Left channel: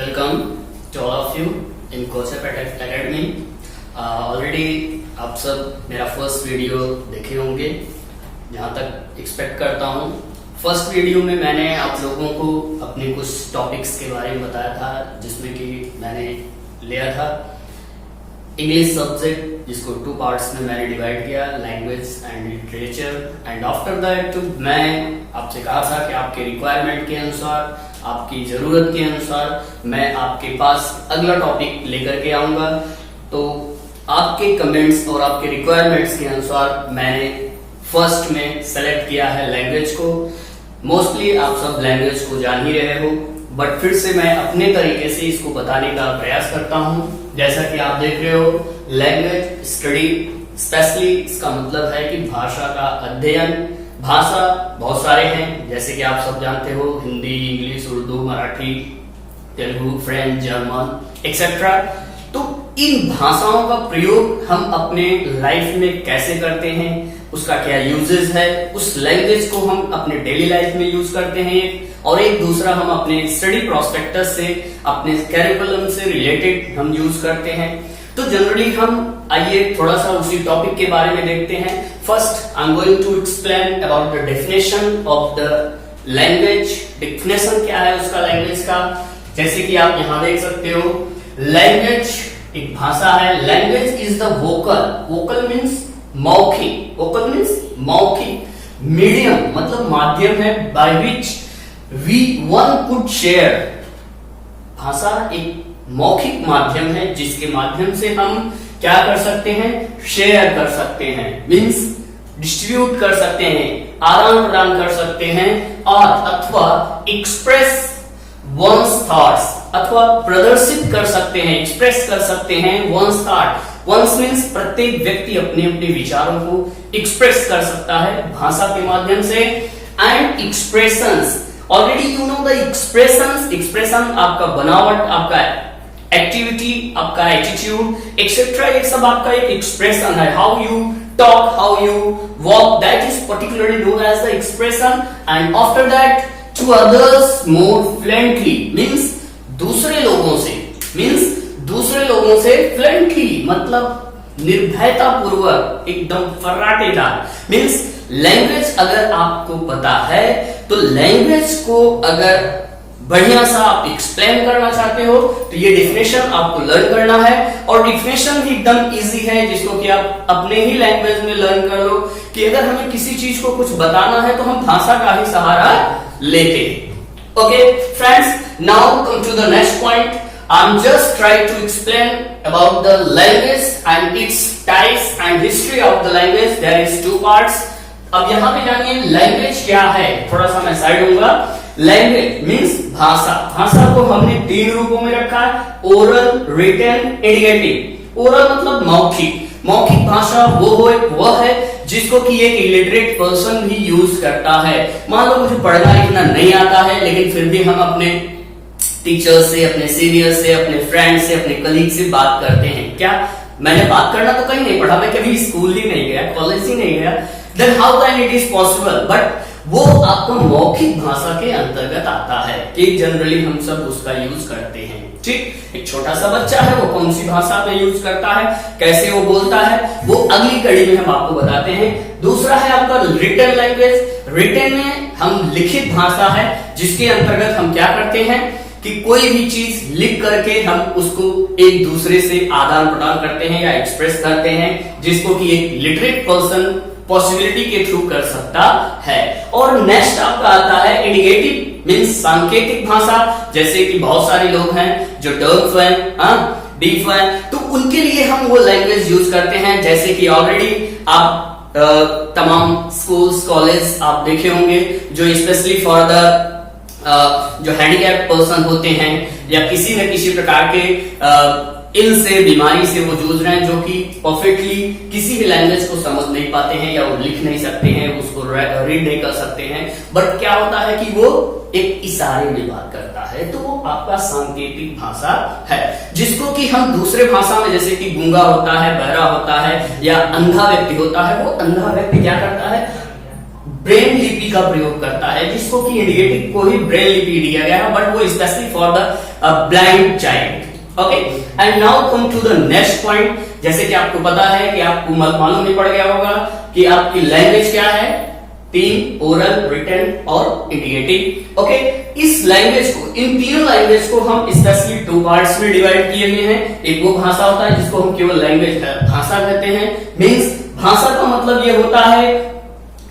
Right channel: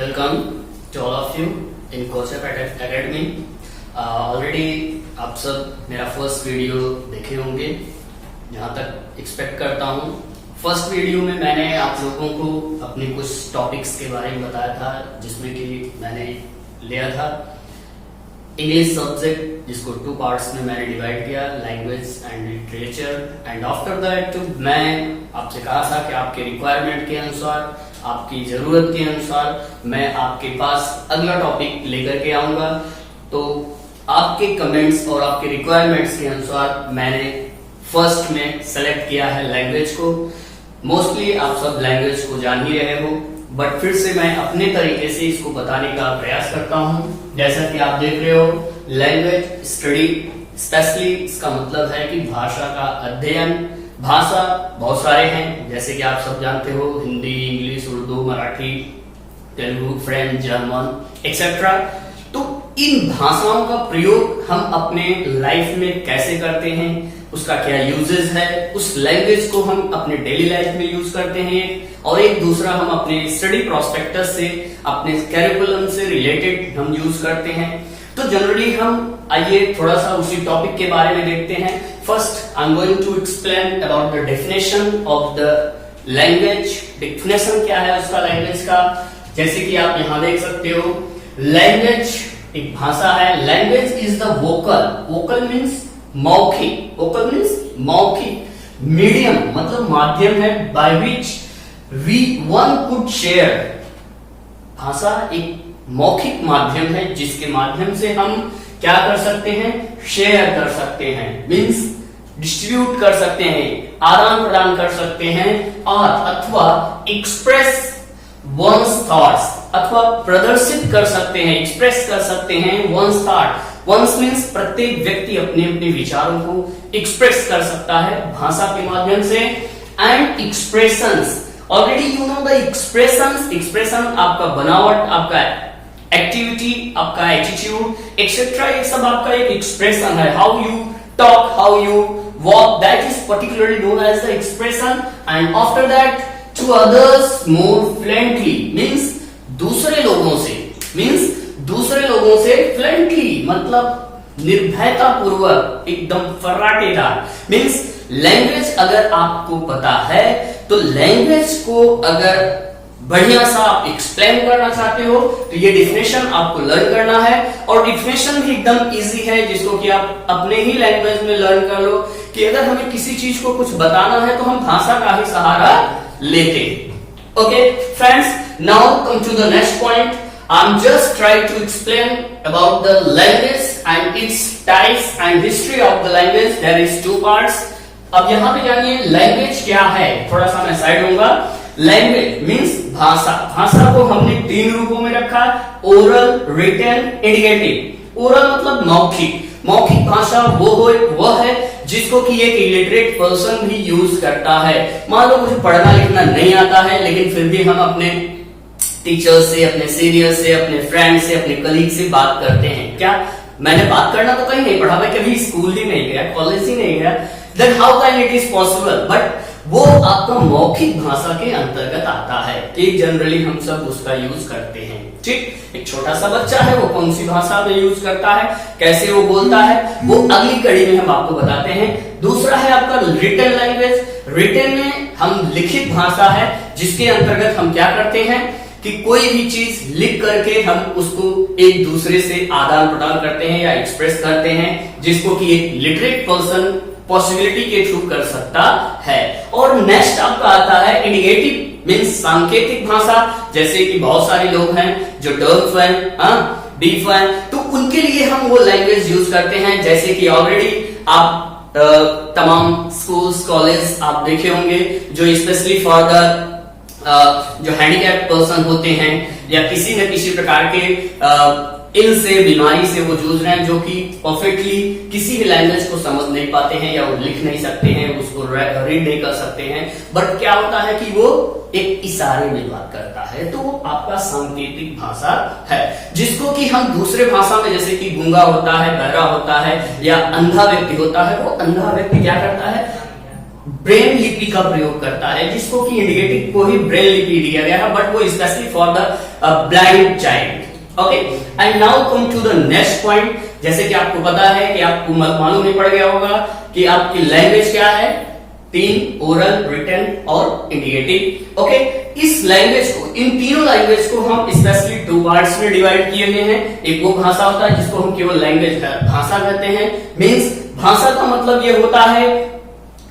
Welcome to all of you in Courseap Academy. Already आप सब मेरा फर्स्ट वीडियो देखे होंगे, जहां तक एक्सपेक्ट करता हूं। फर्स्ट वीडियो में मैंने आप लोगों को अपने कुछ टॉपिक्स के बारे में बताया था, जिसमें कि मैंने लिया था इंग्लिश सब्जेक्ट, जिसको 2 पार्ट्स में मैंने डिवाइड किया, language and literature. And after that मैं आपसे कहा था कि आपके रिक्वायरमेंट के अनुसार, आपकी जरूरत के अनुसार मैं आपके पास अगला टॉपिक लेकर के आऊंगा। तो आपके कमेंट्स और आपके रिक्वायरमेंट्स के अनुसार मैंने फर्स्ट में सेलेक्ट किया है लैंग्वेज को। मोस्टली आप सब लैंग्वेज को जान ही रहे हो, बट फिर से मैं अपने तरीके से इसको बताने का प्रयास करता हूं। जैसा कि आप देख रहे हो, लैंग्वेज स्टडी स्पेशली इसका मतलब है कि भाषा का अध्ययन। भाषा बहुत सारे हैं, जैसे कि आप सब जानते हो, Hindi, English, Urdu, Marathi, Telugu, French, German etcetera. तो इन भाषाओं का प्रयोग हम अपने लाइफ में कैसे करते हैं, उसका क्या यूजेस है, उस लैंग्वेज को हम अपने डेली लाइफ में यूज करते हैं, और एक दूसरा हम अपने स्टडी प्रोस्पेक्टस से, अपने कैरिकुलम से रिलेटेड हम यूज करते हैं। तो जनरली हम आइए थोड़ा सा उसी टॉपिक के बारे में देखते हैं। First I am going to explain about the definition of the language. Definition क्या है उसका, लैंग्वेज का, जैसे कि आप यहां देख सकते हो, लैंग्वेज एक भाषा है। Language is the vocal, vocal means मौखिक, वोकल मीन्स मौखिक, मीडियम मतलब माध्यम है, by which we one could share. भाषा एक मौखिक माध्यम है जिसके माध्यम से हम क्या कर सकते हैं, शेयर कर सकते हैं, मीन्स डिस्ट्रीब्यूट कर सकते हैं, आदान प्रदान कर सकते हैं, और अथवा एक्सप्रेस वंस थॉट्स, अथवा प्रदर्शित कर सकते हैं, एक्सप्रेस कर सकते हैं वंस थॉट। वंस मीन्स प्रत्येक व्यक्ति अपने अपने विचारों को एक्सप्रेस कर सकता है भाषा के माध्यम से। And expressions, already you know the expressions. Expression आपका बनावट, आपका एक्टिविटी, आपका एटीट्यूड एक्सेट्रा, ये सब आपका एक एक्सप्रेशन है। How you talk, how you walk, that is particularly known as the expression. And after that to others more fluently, means दूसरे लोगों से, मीन्स दूसरे लोगों से फ्लुएंटली मतलब निर्भयता पूर्वक, एकदम फर्राटेदार। मीन्स लैंग्वेज अगर आपको पता है, तो लैंग्वेज को अगर बढ़िया सा आप एक्सप्लेन करना चाहते हो, तो ये डेफिनेशन आपको लर्न करना है। और डेफिनेशन भी एकदम इजी है, जिसको कि आप अपने ही लैंग्वेज में लर्न कर लो, कि अगर हमें किसी चीज को कुछ बताना है तो हम भाषा का ही सहारा लेते हैं। Okay friends, now come to the next point. I am just try to explain about the language and its types and history of the language. There is 2 parts. अब यहां पे जानिए लैंग्वेज क्या है, थोड़ा सा मैं साइड दूंगा। लैंग्वेज मीन्स भाषा। भाषा को हमने 3 रूपों में रखा है, ओरल, रिटन, इंडिकेटिव। ओरल मतलब मौखिक। मौखिक भाषा वो है जिसको कि एक इलिटरेट पर्सन भी यूज करता है। मान लो मुझे पढ़ना लिखना नहीं आता है, लेकिन फिर भी हम अपने टीचर से, अपने सीनियर से, अपने फ्रेंड से, अपने कलीग से बात करते हैं। क्या मैंने बात करना तो कहीं नहीं पढ़ा, मैं कभी स्कूल ही नहीं गया, कॉलेज ही नहीं गया, then how can it is possible? But वो आपका मौखिक भाषा के अंतर्गत आता है। एक जनरली हम सब उसका यूज करते हैं। ठीक, एक छोटा सा बच्चा है, वो कौन सी भाषा में यूज करता है, कैसे वो बोलता है, वो अगली कड़ी में हम आपको बताते हैं। दूसरा है आपका रिटन लैंग्वेज। रिटन में हम लिखित भाषा है, जिसके अंतर्गत हम क्या करते हैं कि कोई भी चीज लिख करके हम उसको एक दूसरे से आदान प्रदान करते हैं या एक्सप्रेस करते हैं, जिसको कि एक लिटरेट पर्सन पॉसिबिलिटी के थ्रू कर सकता है। और नेक्स्ट आपका आता है इंडिकेटिव, मीन्स सांकेतिक भाषा। जैसे कि बहुत सारे लोग हैं जो डफ हैं, डीफ हैं, तो उनके लिए हम वो लैंग्वेज यूज करते हैं। जैसे कि ऑलरेडी आप तमाम स्कूल्स, कॉलेज आप देखे होंगे, जो स्पेशली फॉर द जो हैंडीकैप पर्सन होते हैं, या किसी न किसी प्रकार के इल से, बीमारी से वो जूझ रहे हैं, जो कि परफेक्टली किसी भी लैंग्वेज को समझ नहीं पाते हैं, या वो लिख नहीं सकते हैं, उसको रीड नहीं कर सकते हैं। बट क्या होता है कि वो एक इशारे में बात करता है, तो वो आपका सांकेतिक भाषा है, जिसको कि हम दूसरे भाषा में, जैसे कि गूंगा होता है, बहरा होता है, या अंधा व्यक्ति होता है, वो अंधा व्यक्ति क्या करता है, ब्रेन लिपि का प्रयोग करता है, जिसको कि इंडिकेटिव को ही ब्रेन लिपि दिया गया है, बट वो specially for the blind child. Okay, and now come to the next point. जैसे कि आपको पता है कि आपको मालूम नहीं पड़ गया होगा कि आपकी लैंग्वेज क्या है, 3, ओरल, रिटन और इंडिकेटिव। ओके, इस लैंग्वेज को, इन तीनों लैंग्वेज को हम स्पेशली 2 पार्ट्स में डिवाइड किए हुए हैं। एक वो भाषा होता है जिसको हम केवल लैंग्वेज भाषा कहते हैं, मीन्स भाषा का मतलब ये होता है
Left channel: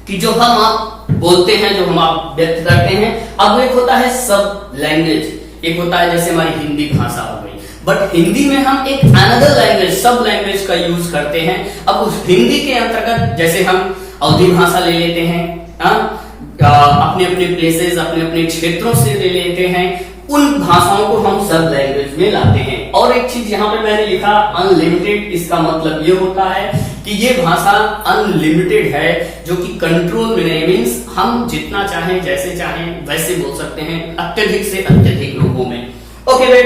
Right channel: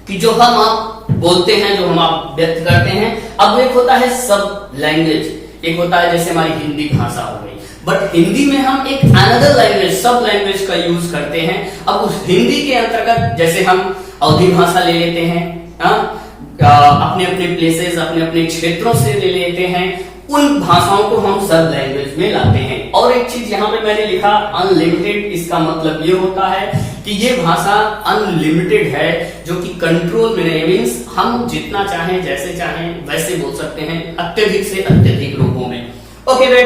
कि जो हम आप बोलते हैं, जो हम आप व्यक्त करते हैं। अब एक होता है सब लैंग्वेज, एक होता है जैसे हमारी हिंदी भाषा हो गई, बट हिंदी में हम एक अनदर लैंग्वेज, सब लैंग्वेज का यूज करते हैं। अब उस हिंदी के अंतर्गत जैसे हम अवधी भाषा ले लेते हैं, अपने अपने प्लेसेस, अपने अपने क्षेत्रों से ले लेते हैं, उन भाषाओं को हम सब लैंग्वेज में लाते हैं। और एक चीज यहाँ पे मैंने लिखा अनलिमिटेड, इसका मतलब ये होता है कि ये भाषा अनलिमिटेड है, जो कि कंट्रोल में नहीं, मीन्स हम जितना चाहें, जैसे चाहें वैसे बोल सकते हैं, अत्यधिक से अत्यधिक रूपों में। ओके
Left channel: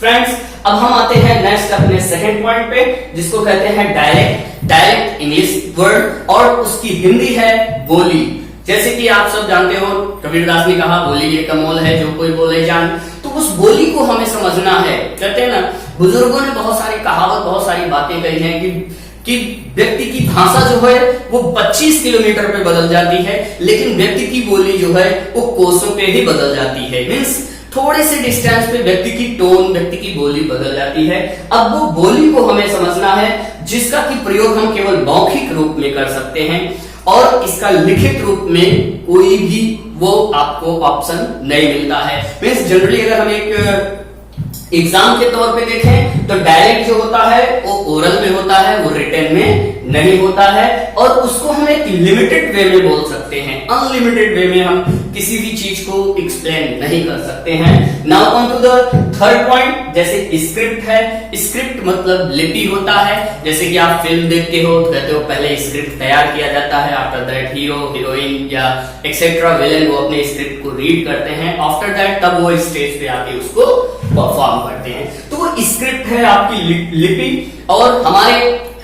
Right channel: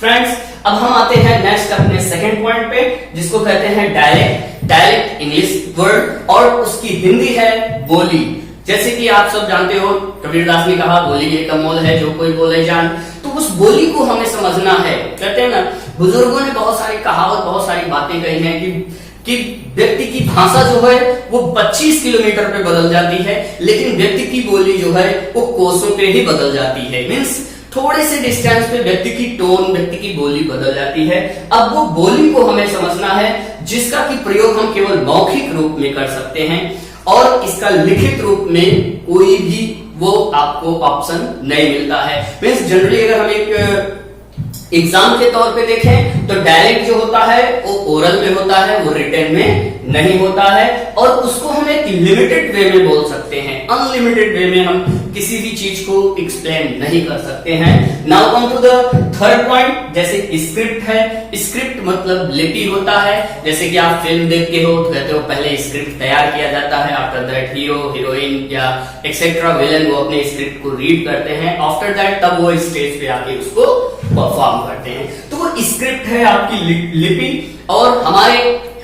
फ्रेंड्स, अब हम आते हैं नेक्स्ट अपने सेकंड पॉइंट पे, जिसको कहते हैं डायलेक्ट। डायलेक्ट इंग्लिश वर्ड और उसकी हिंदी है बोली। जैसे कि आप सब जानते हो, कबीरदास ने कहा बोली ये कमोल है जो कोई बोले जान। तो उस बोली को हमें समझना है। कहते हैं ना, बुजुर्गों ने बहुत सारी कहावत, बहुत सारी बातें कही हैं कि व्यक्ति की भाषा जो है वो 25 किलोमीटर पे बदल जाती है, लेकिन व्यक्ति की बोली जो है वो कोसों पे ही बदल जाती है। मीन्स थोड़े से डिस्टेंस पे व्यक्ति की टोन, व्यक्ति की बोली बदल जाती है। अब वो बोली को हमें समझना है, जिसका की प्रयोग हम केवल मौखिक रूप में कर सकते हैं, और इसका लिखित रूप में कोई भी वो आपको ऑप्शन नहीं मिलता है। मीन्स जनरली अगर हम एक एग्जाम के तौर पे देखें तो डायरेक्ट जो होता है वो ओरल में होता है, वो रिटन में नहीं होता है, और उसको हम एक लिमिटेड वे में बोल सकते हैं। अनलिमिटेड वे में हम किसी भी चीज को एक्सप्लेन नहीं कर सकते हैं। Now come to the third point. जैसे स्क्रिप्ट है, स्क्रिप्ट मतलब लिपि होता है। जैसे कि आप फिल्म देखते हो तो कहते हो पहले स्क्रिप्ट तैयार किया जाता है, आफ्टर दैट हीरो, हीरोइन या एक्सेट्रा विलन वो अपने स्क्रिप्ट को रीड करते हैं, आफ्टर दैट तब वो स्टेज पे आके उसको परफॉर्म करते हैं। तो वो स्क्रिप्ट है आपकी लिपि। और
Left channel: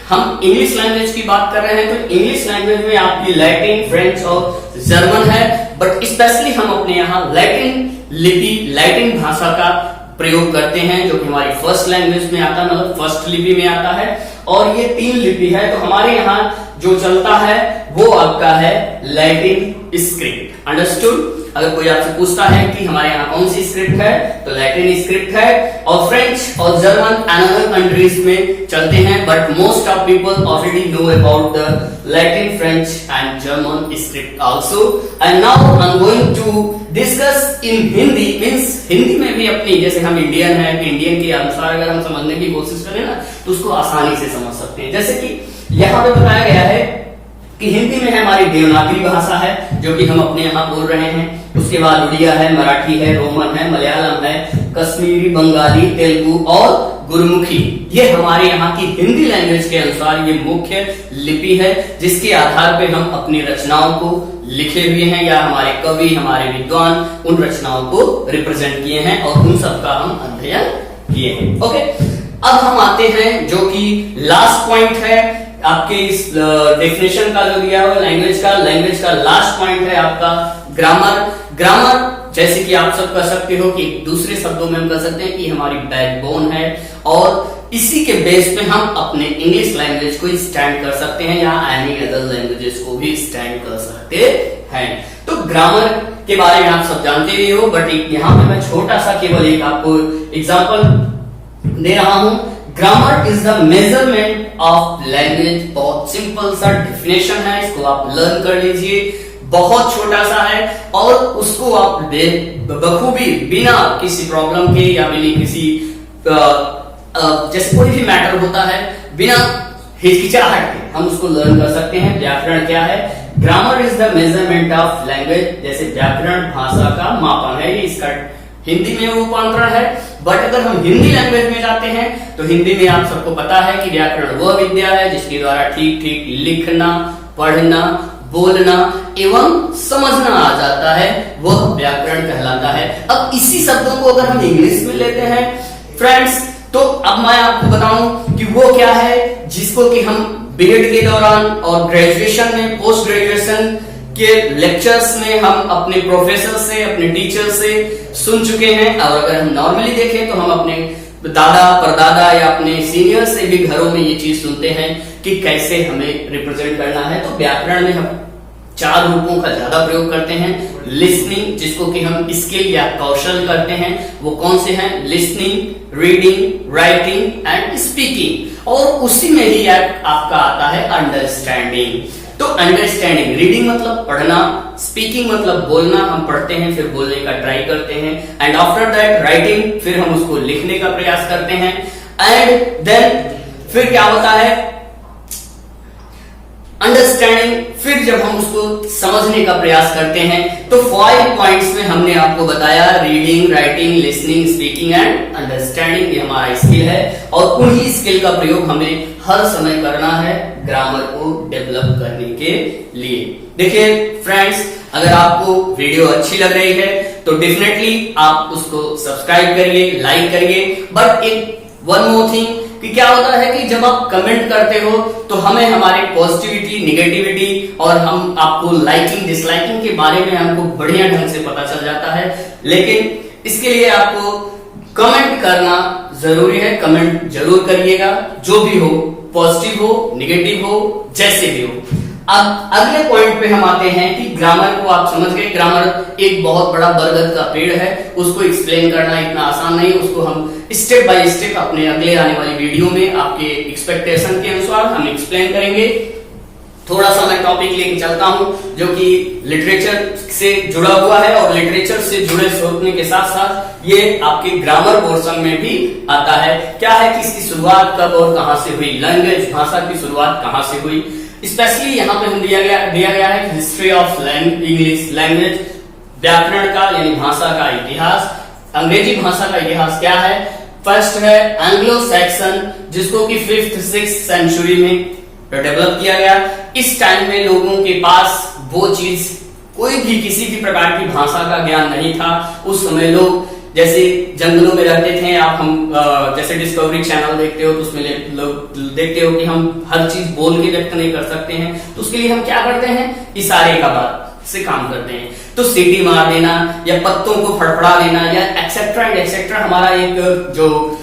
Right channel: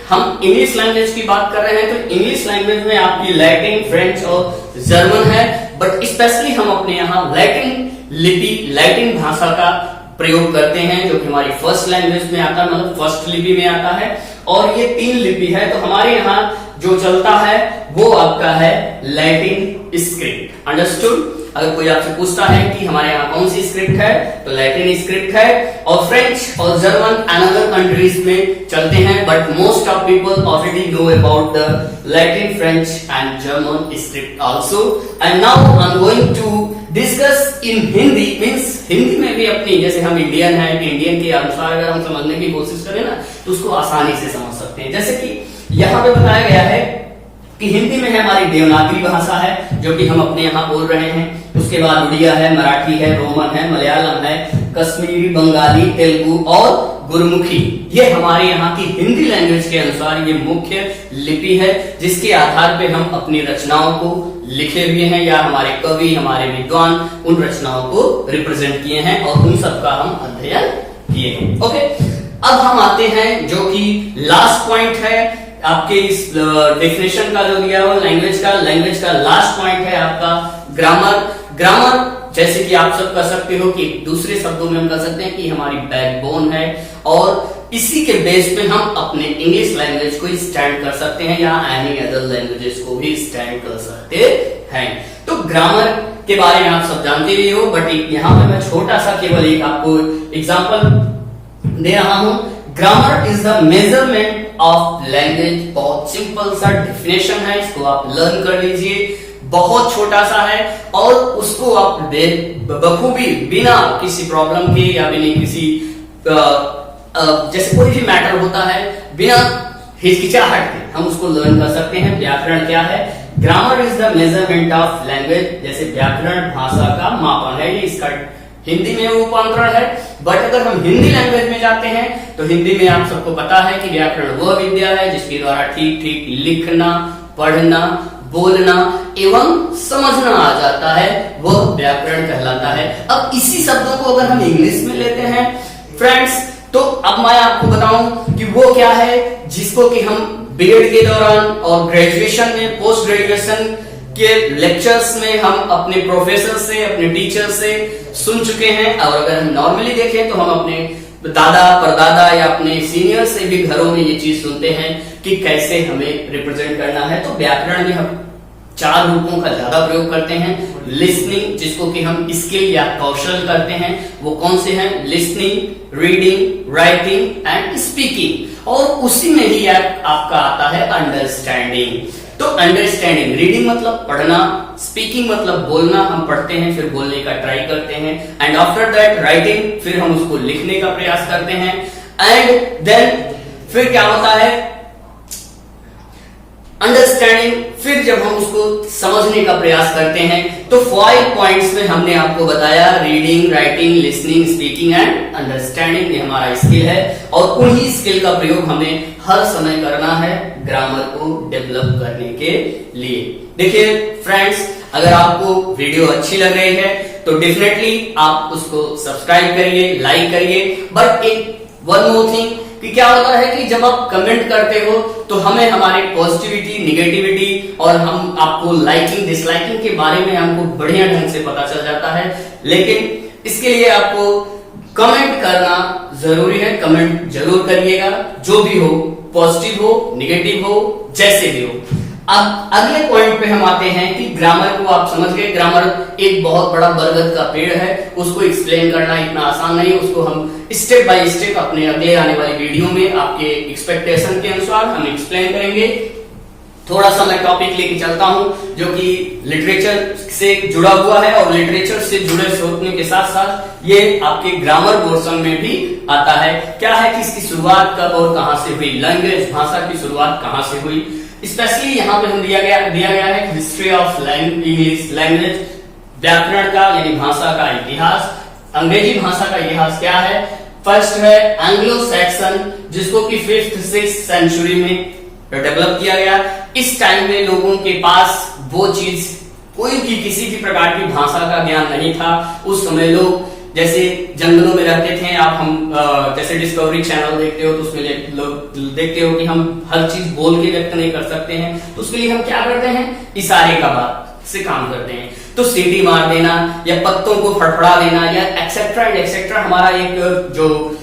हम इंग्लिश लैंग्वेज की बात कर रहे हैं तो इंग्लिश लैंग्वेज में आपकी लैटिन, फ्रेंच और जर्मन है, बट स्पेशली हम अपने यहाँ लैटिन लिपि, लैटिन भाषा का प्रयोग करते हैं, जो कि हमारी फर्स्ट लैंग्वेज में आता है, मतलब फर्स्ट लिपि में आता है। और ये 3 लिपि है, तो हमारे यहाँ जो चलता है वो आपका है लैटिन स्क्रिप्ट। अंडरस्टूड? अगर कोई आपसे पूछता है कि हमारे यहाँ कौन सी स्क्रिप्ट है, तो लैटिन स्क्रिप्ट है। और फ्रेंच और जर्मन अनदर कंट्रीज में चलते हैं, but most of people already know about the Latin, French and German script also. And now I am going to discuss in Hindi. Means Hindi में भी अपनी, जैसे हम इंडियन है, इंडियन के अनुसार अगर हम समझने की कोशिश करें ना तो उसको आसानी से समझ सकते हैं। जैसे कि यहाँ पे बताया गया है कि हिंदी में है हमारी देवनागरी भाषा है, जो कि हम अपने यहाँ बोल रहे हैं। उसके बाद उड़िया है, मराठी है, रोमन है, मलयालम है, कश्मीरी, बंगाली, तेलुगु और गुरमुखी। ये हमारे यहाँ की हिंदी लैंग्वेज के अनुसार ये मुख्य लिपि है, जिसके आधार पे हम अपनी रचनाओं को लिखे हुए हैं, या हमारे कवि, हमारे विद्वान उन रचनाओं को रिप्रेजेंट किए हैं और उन सबका हम अध्ययन किए हैं। ओके, अब हम आते हैं जो कि लास्ट पॉइंट है आपके इस डेफिनेशन का जो दिया हुआ लैंग्वेज का लास्ट पॉइंट है आपका ग्रामर। जैसे कि आप सब कह सकते हो कि दूसरे शब्दों में हम कह सकते हैं कि हमारी बैकबोन है, और इसी के बेस पे हम अपने इंग्लिश लैंग्वेज को स्टैंड कर सकते हैं, या एनी अदर लैंग्वेजेस को भी स्टैंड कर सकते हैं। तो ग्रामर के बारे में आप सब जानते ही हो, बट यहाँ पे मैं छोटा सा केवल एक आपको एग्जाम्पल दे रहा हूं। Grammar is the measurement of language. बहुत सिंपल सा डेफिनेशन है, इसको आप लर्न कर लीजिए। बहुत छोटा सा है और उसको आप बखूबी बिना किसी प्रॉब्लम के या बिना किसी जैसे कोई भी मैटर होता है बिना हिचकिचाहट के हम उसको लर्न कर सकते हैं। व्याकरण क्या है? Grammar is the measurement of language. जैसे व्याकरण भाषा का मापन है, ये इसका हिंदी में रूपांतरण है। बट अगर हम हिंदी लैंग्वेज में जाते हैं तो हिंदी में आप सबको पता है कि व्याकरण वह विद्या है जिसके द्वारा ठीक ठीक लिखना, पढ़ना, बोलना एवं समझना आ जाता है, वह व्याकरण कहलाता है। अब इसी शब्दों को अगर हम इंग्लिश में लेते हैं फ्रेंड्स, तो अब मैं आपको बताऊं कि वो क्या है जिसको कि हम बीएड के दौरान और ग्रेजुएशन में, पोस्ट ग्रेजुएशन के लेक्चर्स में हम अपने प्रोफेसर से, अपने टीचर से सुन चुके हैं। और अगर हम नॉर्मली देखें तो हम अपने दादा परदादा या अपने सीनियर से भी घरों में ये चीज सुनते हैं कि कैसे हमें रिप्रेजेंट करना है। तो व्याकरण में हम 4 रूपों का ज्यादा प्रयोग करते हैं। लिसनिंग, जिसको कि हम स्किल या कौशल करते हैं, वो कौन से हैं? Listening, reading, writing and speaking. और उसी में ही आपका आता है अंडरस्टैंडिंग। तो अंडरस्टैंडिंग, रीडिंग मतलब पढ़ना, स्पीकिंग मतलब बोलना, हम पढ़ते हैं फिर बोलने का ट्राई करते हैं, एंड आफ्टर दैट राइटिंग, फिर हम उसको लिखने का प्रयास करते हैं, एंड देन फिर क्या होता है? अंडरस्टैंडिंग, फिर जब हम उसको समझने का प्रयास करते हैं। तो 5 पॉइंट्स में हमने आपको बताया, reading, writing, listening, speaking and understanding, ये हमारा स्किल है। और उन्हीं स्किल का प्रयोग हमें हर समय करना है ग्रामर को डेवलप करने के लिए। देखिए फ्रेंड्स, अगर आपको वीडियो अच्छी लग रही है तो डेफिनेटली आप उसको सब्सक्राइब करिए, लाइक करिए। बट एक वन मोर थिंग, कि क्या होता है कि जब आप कमेंट करते हो तो हमें हमारे पॉजिटिविटी, निगेटिविटी और हम आपको लाइकिंग, डिसलाइकिंग के बारे में हमको बढ़िया ढंग से पता चल जाता है। लेकिन इसके लिए आपको कमेंट करना जरूरी है। कमेंट जरूर करिएगा, जो भी हो, पॉजिटिव हो, निगेटिव हो, जैसे भी हो। अब अगले पॉइंट पे हम आते हैं कि ग्रामर को आप समझ गए। ग्रामर एक बहुत बड़ा बरगद का पेड़ है, उसको एक्सप्लेन करना इतना आसान नहीं। उसको हम स्टेप बाय स्टेप अपने अगले आने वाली वीडियो में आपके एक्सपेक्टेशन के अनुसार हम एक्सप्लेन करेंगे। थोड़ा सा मैं टॉपिक लेके चलता हूं जो कि लिटरेचर से जुड़ा हुआ है, और लिटरेचर से जुड़े होने के साथ साथ ये आपके ग्रामर पोर्शन में भी आता है। क्या है कि इसकी शुरुआत कब और कहां से हुई? लैंग्वेज, भाषा की शुरुआत कहां से हुई? स्पेशली यहाँ पे हम दिया गया है हिस्ट्री ऑफ इंग्लिश लैंग्वेज, व्याकरण का यानी भाषा का इतिहास। अंग्रेजी भाषा का इतिहास क्या है? फर्स्ट है एंग्लो सैक्सन, जिसको कि 5th 6th सेंचुरी में डेवलप किया गया। इस टाइम में लोगों के पास वो चीज, कोई भी किसी भी प्रकार की भाषा का ज्ञान नहीं था। उस समय लोग जैसे जंगलों में रहते थे। आप हम जैसे डिस्कवरी चैनल देखते हो तो उसमें लोग देखते हो कि हम हर चीज बोल के व्यक्त नहीं कर सकते हैं। तो उसके लिए हम क्या करते हैं? इशारे का बात से काम करते हैं। तो सीटी मार देना या पत्तों को फड़फड़ा देना या एक्सेट्रा एंड एक्सेट्रा, हमारा एक जो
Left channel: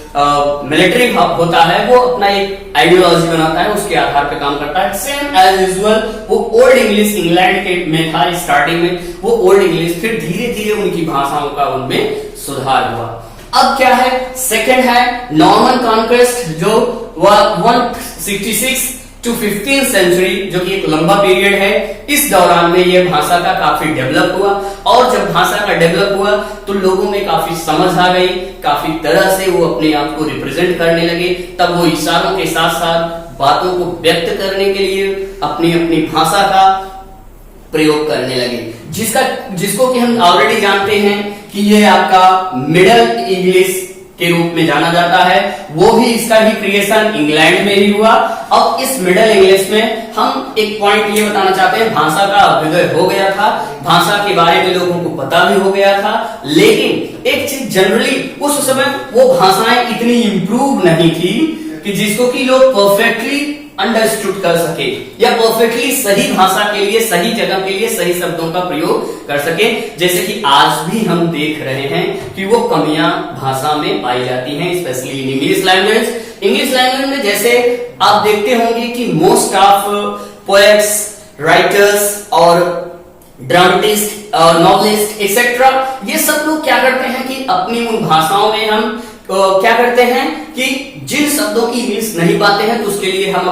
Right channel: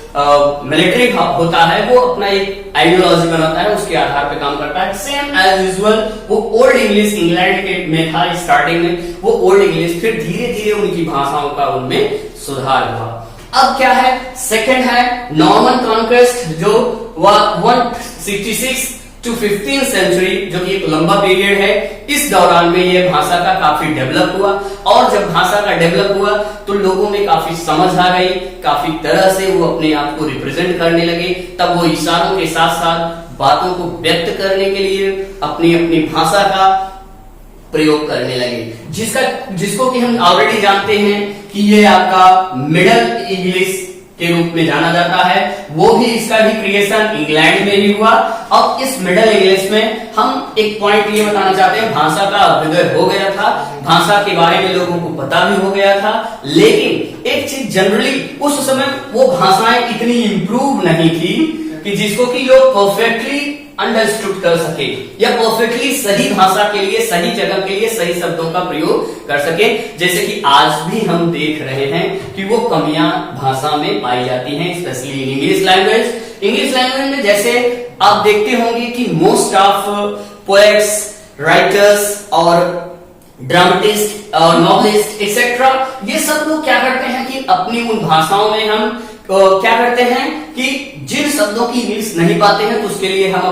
मिलिट्री होता है वो अपना एक आइडियोलॉजी बनाता है, उसके आधार पे काम करता है। सेम एज यूजुअल वो ओल्ड इंग्लिश इंग्लैंड के में था स्टार्टिंग में, वो ओल्ड इंग्लिश, फिर धीरे धीरे उनकी भाषाओं का उनमें सुधार हुआ। अब क्या है? सेकंड है नॉर्मन कॉन्क्वेस्ट, जो 166 to 15th सेंचुरी, जो कि एक लंबा पीरियड है। इस दौरान में यह भाषा का काफी डेवलप हुआ, और जब भाषा का डेवलप हुआ तो लोगों में काफी समझ आ गई, काफी तरह से वो अपने आप को रिप्रेजेंट करने लगे। तब वो इशारों के साथ साथ बातों को व्यक्त करने के लिए अपनी अपनी भाषा का प्रयोग करने लगे, जिसको कि हम ऑलरेडी जानते हैं कि ये आपका मिडल इंग्लिश के रूप में जाना जाता है। वो भी, इसका भी क्रिएशन इंग्लैंड में ही हुआ। अब इस मिडल इंग्लिश में हम एक पॉइंट ये बताना चाहते हैं, भाषा का अभ्युदय हो गया था, भाषा के बारे में लोगों को पता भी हो गया था। लेकिन एक चीज जनरली उस समय वो भाषाएं इतनी इंप्रूव नहीं थी कि जिसको कि लोग परफेक्टली अंडरस्टूड कर सके या परफेक्टली सही भाषा के लिए, सही जगह के लिए सही शब्दों का प्रयोग कर सके। जैसे कि आज भी हम देख रहे हैं कि वो कमियां भाषा में पाई जाती हैं, specially in English language. English language में जैसे आप देखते होंगे कि मोस्ट ऑफ पोएट्स, राइटर्स और ड्रामेटिस्ट और नॉवलिस्ट एक्सेट्रा, ये सब लोग क्या करते हैं कि अपनी उन भाषाओं में हम क्या करते हैं कि जिन शब्दों की इंग्लिश नहीं पाते हैं तो उसके लिए हम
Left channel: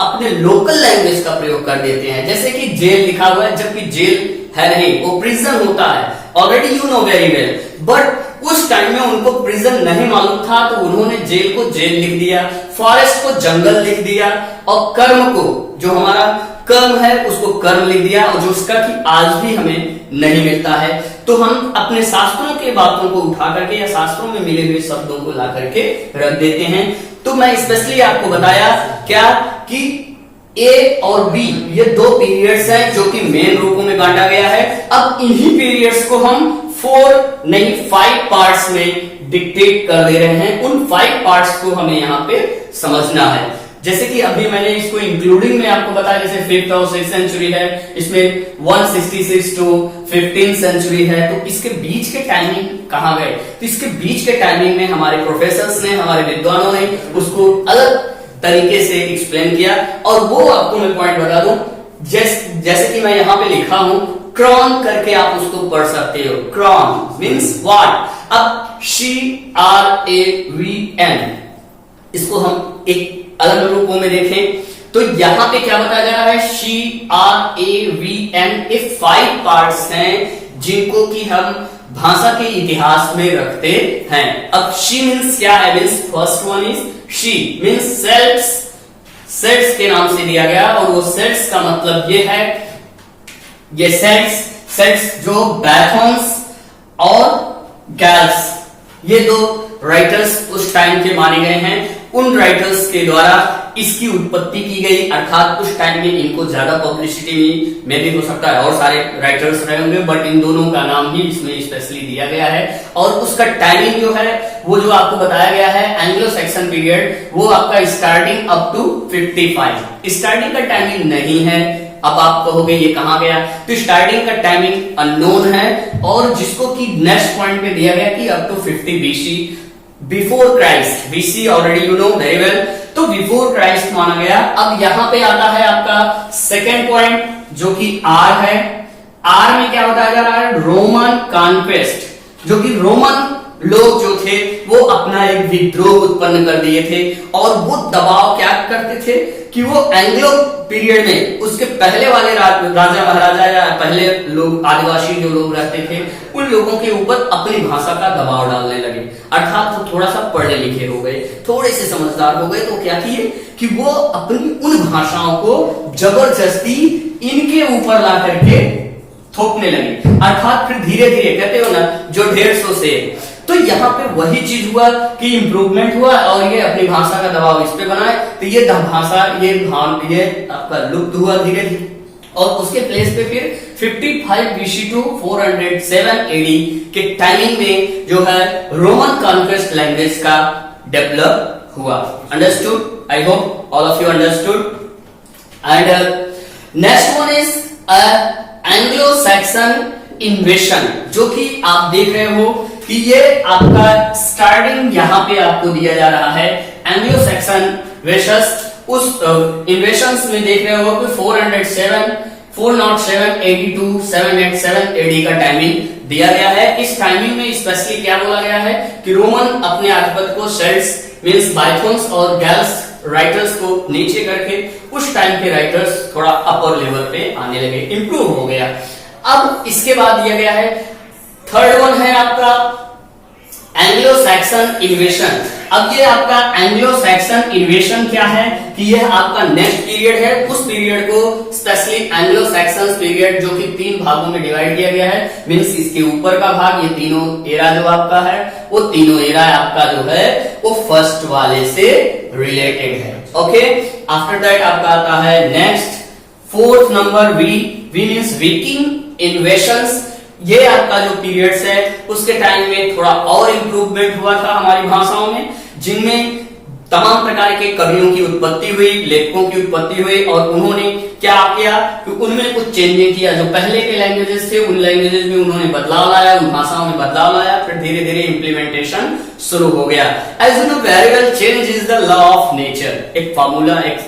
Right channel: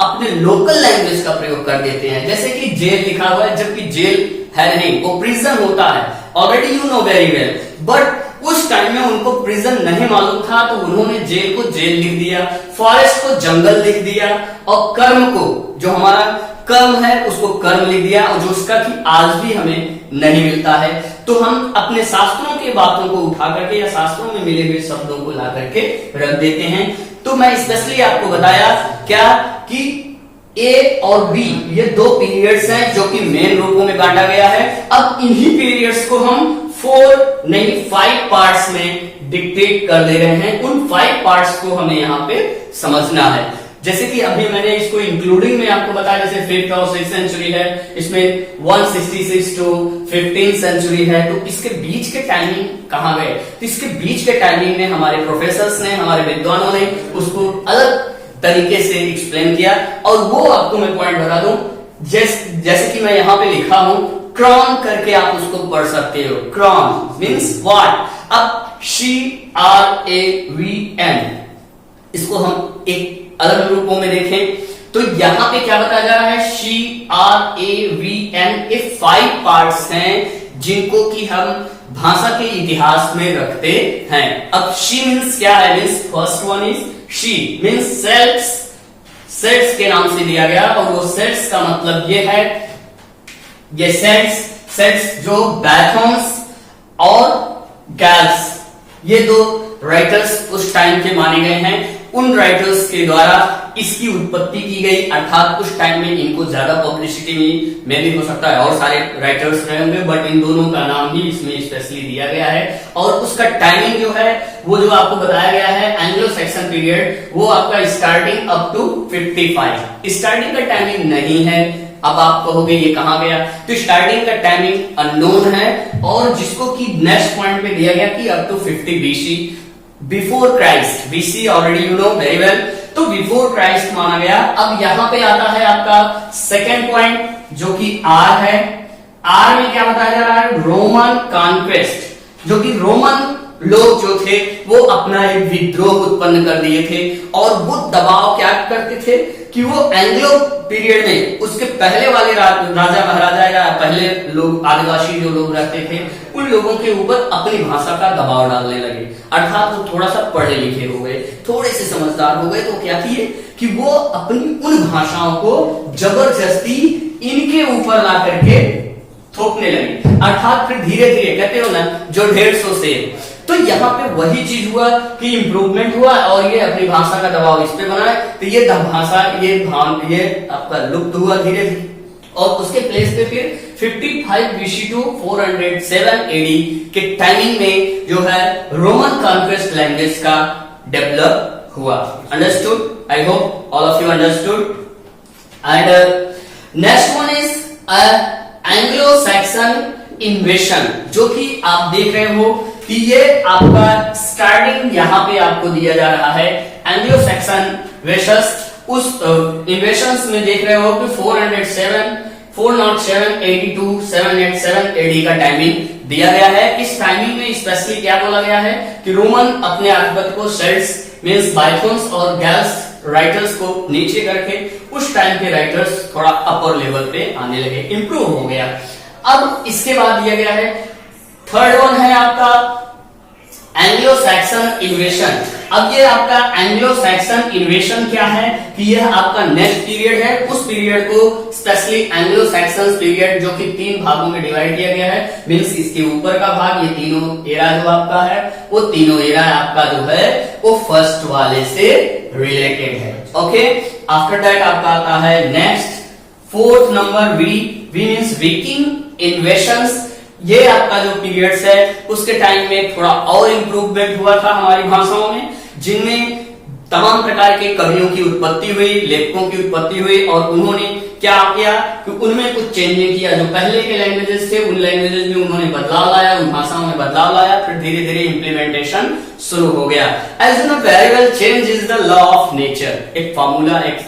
अपने लोकल लैंग्वेज का प्रयोग कर देते हैं। जैसे कि जेल लिखा हुआ है, जबकि जेल है नहीं, वो प्रिजन होता है। Already you know very well, but उस टाइम में उनको प्रिजन नहीं मालूम था तो उन्होंने जेल को जेल लिख दिया, फॉरेस्ट को जंगल लिख दिया, और कर्म को, जो हमारा कर्म है, उसको कर्म लिख दिया, और जो उसका कि आज भी हमें नहीं मिलता है। तो हम अपने शास्त्रों के बातों को उठा करके या शास्त्रों में मिले हुए शब्दों को ला करके रख देते हैं। तो मैं स्पेशली आपको बताया क्या कि ए और बी, ये 2 पीरियड्स हैं जो कि मेन रूपों में बांटा गया है। अब इन्हीं पीरियड्स को हम 4 नहीं 5 पार्ट्स में डिक्टेट कर दे रहे हैं। उन 5 पार्ट्स को हमें यहाँ पे समझना है। जैसे कि अभी मैंने इसको इंक्लूडिंग में आपको बताया, जैसे 5th और 6th सेंचुरी है, इसमें 166 टू 15th सेंचुरी है, तो इसके बीच के टाइमिंग कहां गए? तो इसके बीच के टाइमिंग में हमारे प्रोफेसर्स ने, हमारे विद्वानों ने उसको अलग तरीके से एक्सप्लेन किया। और वो आपको मैं पॉइंट बता दूं, जैसे कि मैं यहां पे लिखा हूं, क्रॉन करके आप उसको पढ़ सकते हो। क्रॉन मीन्स व्हाट? अब CRAVN, इसको हम एक अलग रूपों में देखें तो यहां पे क्या बताया जा रहा है? CRAVN ये 5 पार्ट्स हैं जिनको कि हम भाषा के इतिहास में रखते हैं। अब शी मीन्स क्या है? Means first one is she means sets, sets के नाम से दिया गया, और वो सेट्स का मतलब ये है, ये सेट्स जो बैथॉन्स और गैल्स, ये 2 राइटर्स उस टाइम के माने गए हैं। उन राइटर्स के द्वारा इसकी उत्पत्ति की गई, अर्थात उस टाइम में इनको ज्यादा पब्लिसिटी में भी हो सकता है और सारे राइटर्स रहे होंगे, बट इन दोनों का नाम ही इसमें स्पेशली दिया गया है। और उसका टाइमिंग जो है वो जो आपको बताया गया है एंग्लो सैक्सन पीरियड, वो आपका स्टार्टिंग अप टू 55। स्टार्टिंग का टाइमिंग नहीं है। अब आप कहोगे ये कहां गया? तो स्टार्टिंग का टाइमिंग अननोन है, और जिसको कि नेक्स्ट पॉइंट पे दिया गया कि up to 50 BC, before Christ. BC already you know very well, तो बिफोर क्राइस्ट माना गया। अब यहां पे आता है आपका सेकेंड पॉइंट जो कि R है। R में क्या बताया जा रहा है? रोमन कॉन्क्वेस्ट, जो कि रोमन लोग जो थे वो अपना एक विद्रोह उत्पन्न कर दिए थे, और वो दबाव क्या करते थे कि वो एंग्लो पीरियड में उसके पहले वाले राजा महाराजा या पहले लोग, आदिवासी जो लोग रहते थे, उन लोगों के ऊपर अपनी भाषा का दबाव डालने लगे। अर्थात वो थोड़ा सा पढ़े लिखे हो गए, थोड़े से समझदार हो गए, तो क्या किए कि वो अपनी उन भाषाओं को जबरदस्ती इनके ऊपर ला करके थोपने लगे। अर्थात फिर धीरे धीरे, कहते हो ना, जो 150 से, तो यहाँ पे वही चीज हुआ कि इंप्रूवमेंट हुआ, और ये अपनी भाषा का दबाव इस पे बनाए, तो ये भाषा, ये आपका लुप्त हुआ धीरे धीरे। और उसके प्लेस पे फिर 55 BC टू 407 AD के टाइमिंग में जो है रोमन कॉन्क्वेस्ट लैंग्वेज का डेवलप हुआ। Understood? I hope all of you understood. And next one is Anglo Saxon इन्वेशन, जो कि आप देख रहे हो कि ये आपका स्टार्टिंग यहां पे आपको दिया जा रहा है। एंग्लो सैक्सन वेशस, उस इन्वेशंस में देख रहे हो कि 407 AD टू 787 AD का टाइमिंग दिया गया है। इस टाइमिंग में स्पेशली क्या बोला गया है कि रोमन अपने आधिपत्य को सेल्ट्स मीन्स बाइथोन्स और गैल्स राइटर्स को नीचे करके उस टाइम के राइटर्स थोड़ा अपर लेवल पे आने लगे, इंप्रूव हो गया। अब इसके बाद दिया गया है थर्ड वन है आपका एंग्लो सैक्सन इन्वेशन। अब ये आपका एंग्लो सैक्सन इन्वेशन क्या है कि यह आपका नेक्स्ट पीरियड है। उस पीरियड को स्पेशली एंग्लो सैक्सन पीरियड, जो कि 3 भागों में डिवाइड किया गया है, मीन्स इसके ऊपर का भाग, ये तीनों एरा जो आपका है, वो तीनों एरा आपका जो है वो फर्स्ट वाले से रिलेटेड है। ओके, आफ्टर दैट आपका आता है next 4th number V means Viking invasions. ये आपका जो पीरियड्स है उसके टाइम में थोड़ा और इंप्रूवमेंट हुआ था हमारी भाषाओं में, जिनमें तमाम प्रकार के कवियों की उत्पत्ति हुई, लेखकों की उत्पत्ति हुई, और उन्होंने क्या किया कि उनमें कुछ चेंजिंग किया। जो पहले के लैंग्वेजेस थे उन लैंग्वेजेस में उन्होंने बदलाव लाया, उन भाषाओं में बदलाव लाया, फिर धीरे धीरे इंप्लीमेंटेशन शुरू हो गया। As you know very well, change is the law of nature. एक फॉर्मूला, एक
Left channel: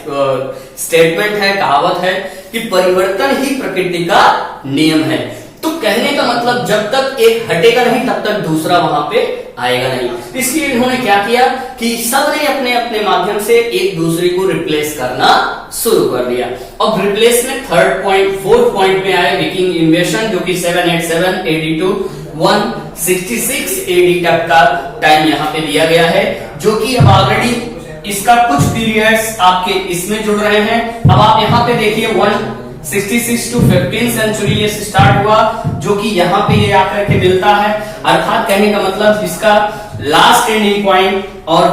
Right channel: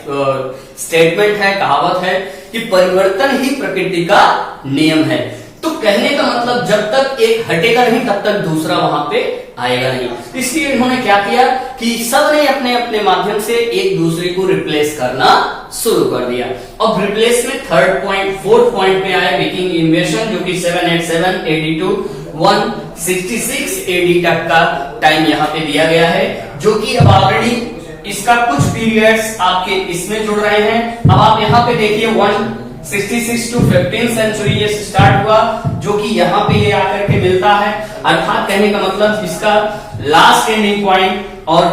स्टेटमेंट है, कहावत है कि परिवर्तन ही प्रकृति का नियम है। तो कहने का मतलब जब तक एक हटेगा नहीं तब तक दूसरा वहां पे आएगा नहीं। इसलिए इन्होंने क्या किया कि सबने अपने अपने माध्यम से एक दूसरे को रिप्लेस करना शुरू कर दिया। अब रिप्लेस में 4th पॉइंट पे आए विकिंग इन्वेशन, जो कि 787 AD टू 166 AD तक का टाइम यहाँ पे दिया गया है, जो कि अब ऑलरेडी इसका कुछ पीरियड्स आपके इसमें जुड़ रहे हैं। अब आप यहाँ पे देखिए 166 टू 15th सेंचुरी ये स्टार्ट हुआ, जो कि यहाँ पे ये आकर के मिलता है। अर्थात कहने का मतलब इसका लास्ट एंडिंग पॉइंट और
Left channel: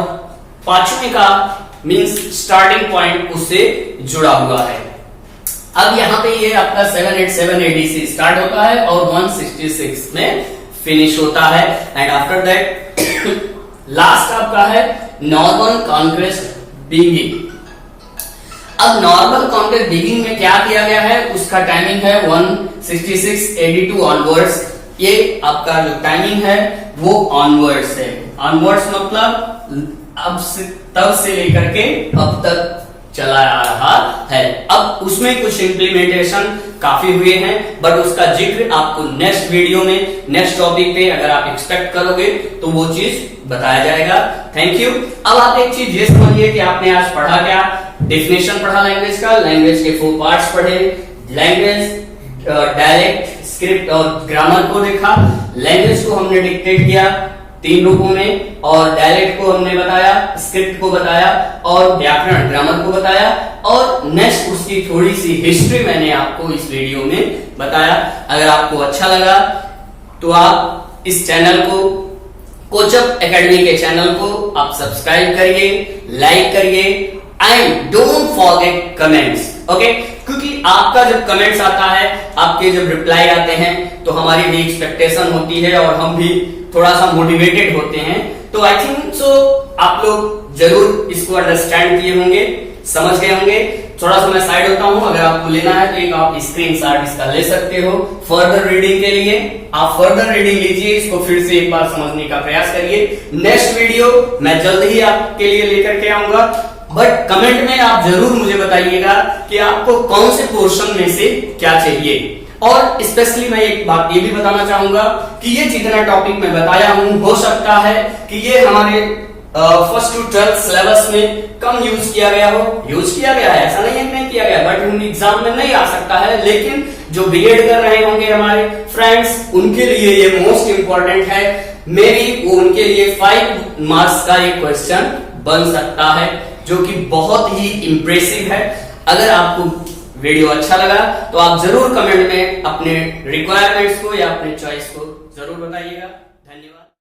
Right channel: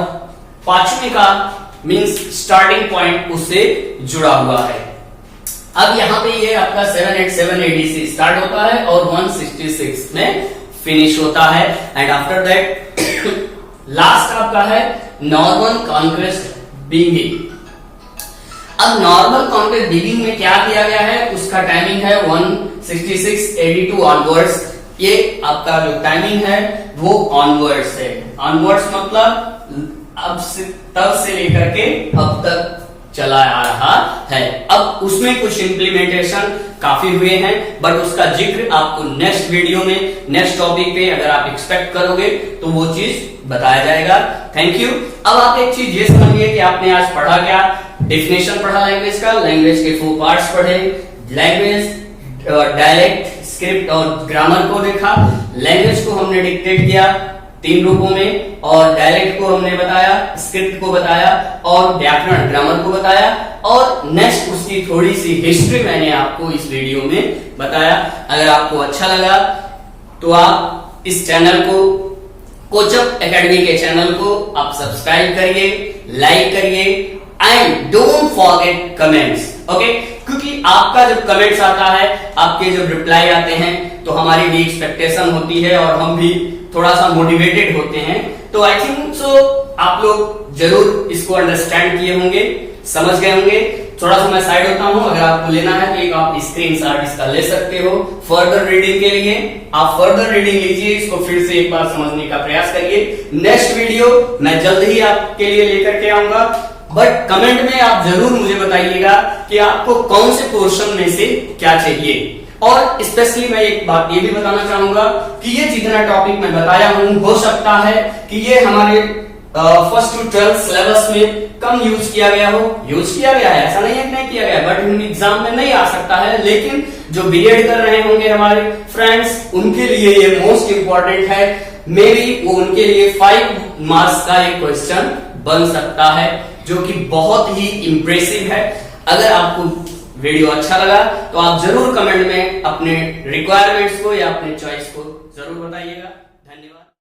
5वें का मींस स्टार्टिंग पॉइंट उससे जुड़ा हुआ है। अब यहाँ पे ये आपका 787 AD से स्टार्ट होता है और 166 में फिनिश होता है। एंड आफ्टर दैट लास्ट आपका है नॉर्मन कॉन्क्वेस्ट बिगिनिंग। अब नॉर्मल कॉन्टेक्ट डिगिंग में क्या किया गया है, उसका टाइमिंग है 16682 ऑनवर्ड्स। ये आपका जो टाइमिंग है वो ऑनवर्ड्स है। ऑनवर्ड्स मतलब अब से, तब से लेकर के अब तक चला आ रहा है। अब उसमें कुछ इम्प्लीमेंटेशन काफी हुए हैं, बट उसका जिक्र आपको नेक्स्ट वीडियो में, नेक्स्ट टॉपिक पे अगर आप एक्सपेक्ट करोगे तो वो चीज बताया जाएगा। Thank you. अब आप एक चीज ये समझिए कि आपने आज पढ़ा क्या, डेफिनेशन पढ़ा लैंग्वेज का, लैंग्वेज के 4 पार्ट्स पढ़े, लैंग्वेज, डायलेक्ट, स्क्रिप्ट और ग्रामर को देखा। लैंग्वेज को हमने डिक्टेट किया 3 रूपों में, और डायलेक्ट को हमने बताया, स्क्रिप्ट को बताया और व्याकरण ग्रामर को बताया, और नेक्स्ट उसकी थोड़ी सी हिस्ट्री मैंने आपको इस वीडियो में बताया। अगर आपको अच्छा लगा तो आप इस चैनल को, कोचअप एकेडमी के चैनल को आप सब्सक्राइब करिए, लाइक करिए and don't forget comments, okay? क्योंकि आपका जब कमेंट्स आता है, आपके जब रिप्लाई आते हैं, तो हमारी भी एक्सपेक्टेशन होती है और हम भी थोड़ा सा मोटिवेटेड होते हैं। तो आई थिंक सो आप लोग जरूर इसको अंडरस्टैंड किए होंगे, समझ गए होंगे। थोड़ा सा मैं साइड होता हूं, अगर आपको लेना है तो एक आप स्क्रीनशॉट इसका ले सकते हो फर्दर रीडिंग के लिए। आप फर्दर रीडिंग लीजिए, इसको फिर से एक बार समझने का प्रयास करिए। नेक्स्ट वीडियो मैं जल्द ही आपके लिए लेकर के आऊंगा, बट कमेंट में आप जरूर मुझे बताइएगा कि आपको कौन से पोर्शन में से क्या चाहिए। और स्पेशली मैं एक बात ये भी बताना चाहूंगा कि ये जितना टॉपिक मैं बताया हूं, हो सकता है कि ये हमारे फर्स्ट टू 12th सिलेबस में कम यूज किया गया हो। यूज किया गया है, ऐसा नहीं है कि नहीं किया गया, बट एग्जाम में नहीं आ सकता है। लेकिन जो बीएड कर रहे होंगे हमारे फ्रेंड्स, उनके लिए ये मोस्ट इंपॉर्टेंट है। मे बी वो उनके लिए 5 मार्क्स का एक क्वेश्चन बन सकता है, जो कि बहुत ही इंप्रेसिव है। अगर आपको वीडियो अच्छा लगा तो आप जरूर कमेंट में अपने रिक्वायरमेंट्स को या अपने चॉइस को जरूर बताइएगा।